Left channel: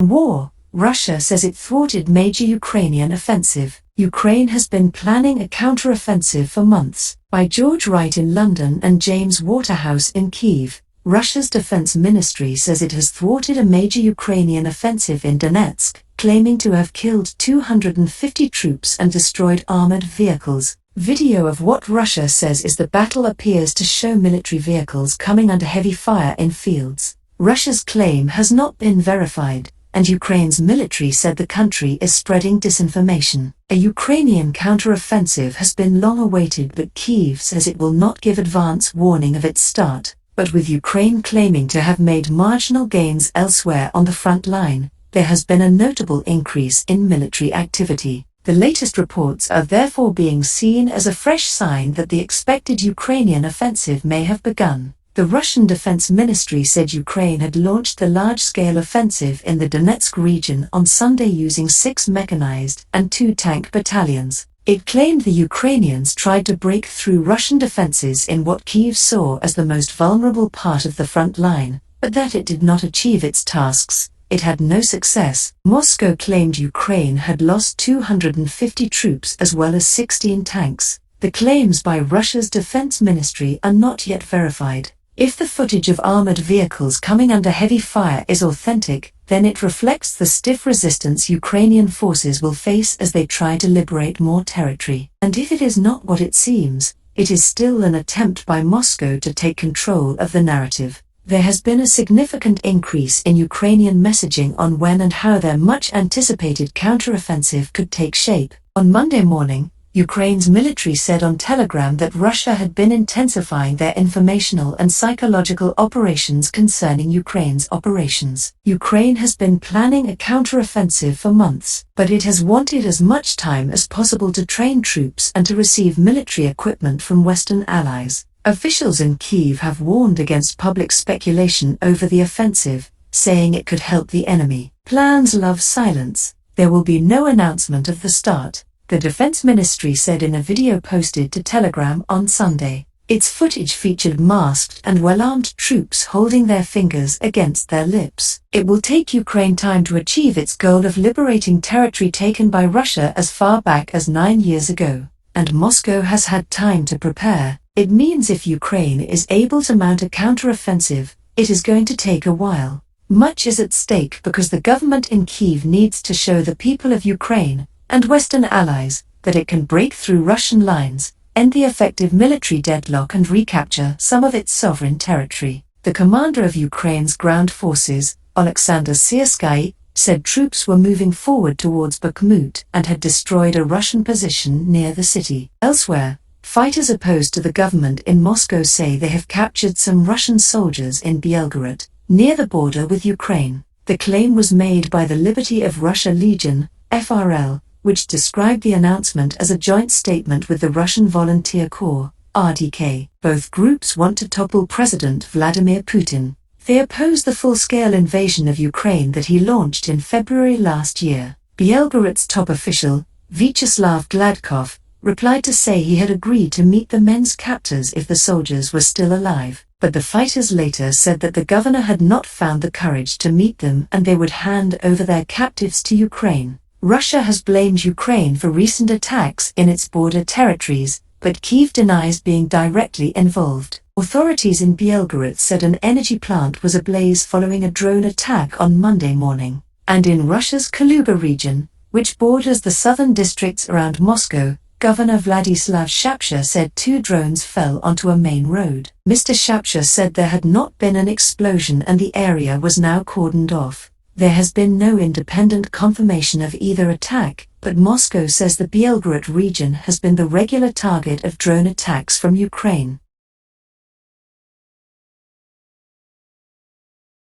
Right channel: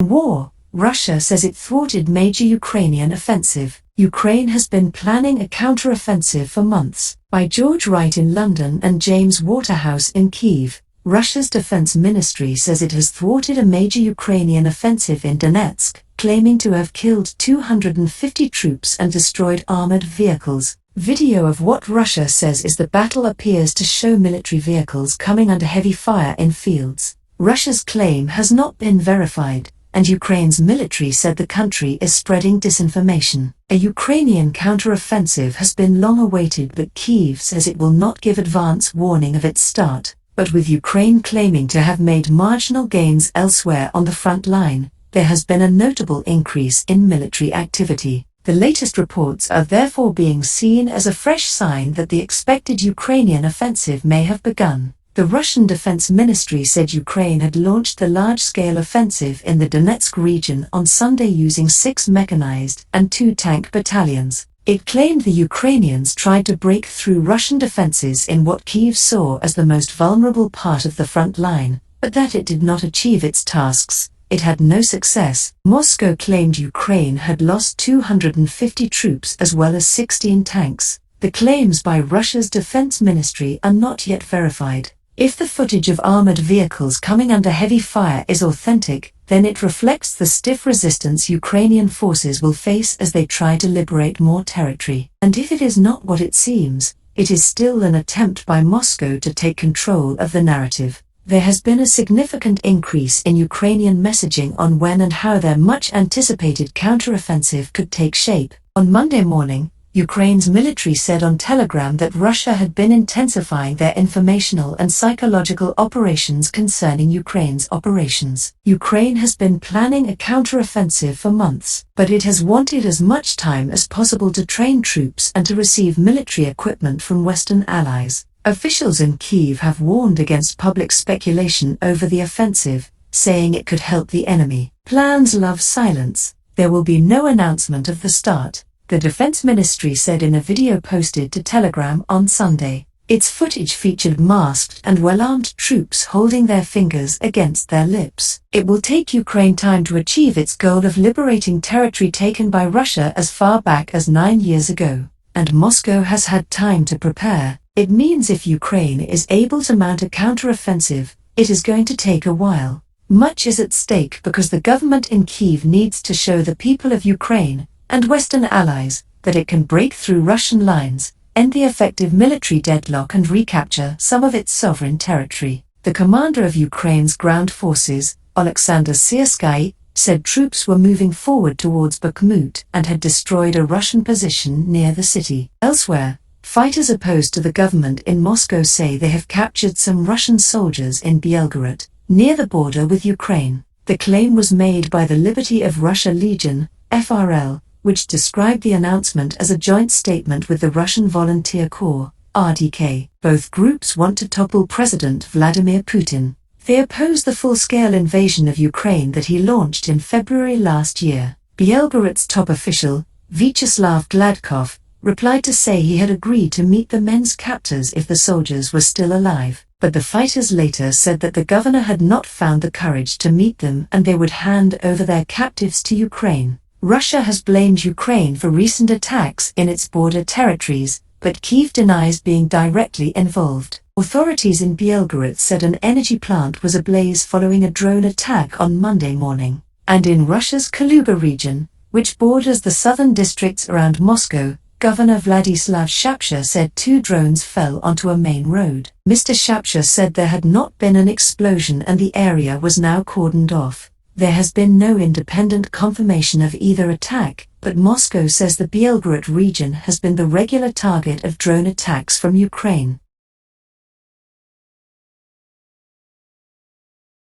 War. Russia says it thwarted major Ukrainian offensive. Ukraine has been planning a counter-offensive for months. By George Wright in London and James Waterhouse in Kyiv, Russia's defense ministry says it has thwarted a major Ukrainian offensive in Donetsk, claiming to have killed 250 troops and destroyed armored vehicles. Video of what Russia says is the battle appears to show military vehicles coming under heavy fire in fields. Russia's claim has not been verified, and Ukraine's military said the country is spreading disinformation. A Ukrainian counter-offensive has been long awaited, but Kyiv says it will not give advance warning of its start. But with Ukraine claiming to have made marginal gains elsewhere on the front line, there has been a notable increase in military activity. The latest reports are therefore being seen as a fresh sign that the expected Ukrainian offensive may have begun. The Russian Defense Ministry said Ukraine had launched the large-scale offensive in the Donetsk region on Sunday using 6 mechanized and 2 tank battalions. It claimed the Ukrainians tried to break through Russian defenses in what Kyiv saw as the most vulnerable part of the front line, but that it did not achieve its tasks. It had no success. Moscow claimed Ukraine had lost 250 troops as well as 16 tanks. The claims by Russia's defense ministry are not yet verified. If the footage of armored vehicles coming under heavy fire is authentic, then it reflects the stiff resistance Ukrainian forces will face as they try to liberate more territory. And if it is not what it seems, it is still an attempt by Moscow to take control of the narrative. There has been a significant increase in Ukrainian messaging on when and how their much-anticipated counteroffensive could take shape. On Monday morning, Ukraine's military said on Telegram that Russia had been intensifying their informational and psychological operations concerning Ukraine's operations. Ukraine has been planning a counteroffensive for months, but it has wanted as much time as possible to train troops and to receive military equipment from Western allies. Officials in Kyiv have warned against public speculation over the offensive, saying it could help the enemy. Plans love silence. There will be no announcement of the start, the Defense Ministry said in a video posted to Telegram on Sunday. Its footage featured masked and well-armed troops holding their fingers against their lips. It will take Ukraine time to achieve its goal of liberating territory taken by Russia as far back as 9 years ago. And Moscow has had time to prepare. It means if Ukraine is able to mount a counteroffensive, it is going to take a while. Much is at stake because the government in Kyiv needs to show the people of Ukraine and Western allies that it can break through Russian lines, end the effective military deadlock and recapture some of its sovereign territory. The commander of Ukraine's ground forces, Oleksandr Syrskyi, said troops were moving forward towards Bakhmut and had destroyed a Russian position near the city. Elsewhere, fighters opposed to the government in Moscow say they have captured some Russian soldiers in Belgorod, near the border with Ukraine. The claim was made by the Liberty of Russia Legion, FRL, which described the announcement as a joint statement with the Russian Volunteer Corps, RDK. Both groups want to topple President Vladimir Putin. They oppose the full-scale invasion of Ukraine that he launched in February last year. Belgorod's top official, Vyacheslav Gladkov, replied to say he had agreed to meet the men's captors if the soldiers were still alive, but the fighters later said that the governor had not found the courage to meet them and they would hand over their captives to Ukraine. Russia has blamed Ukraine for recent attacks in its border territories, but Kyiv denies being directly involved. Authorities in Belgorod said an energy plant was ablaze following a drone attack on Monday morning. And in Russia's Kaluga region, which borders the southern districts around Moscow, Governor Vladislav Shapsha said 2 drones fell onto a main road. Mr. Shapsha said there had not been an explosion and the area was now cordoned off. There has been no independent confirmation of either attack, but Moscow says the Belgorod region has been the regular target of drone attacks from Ukraine.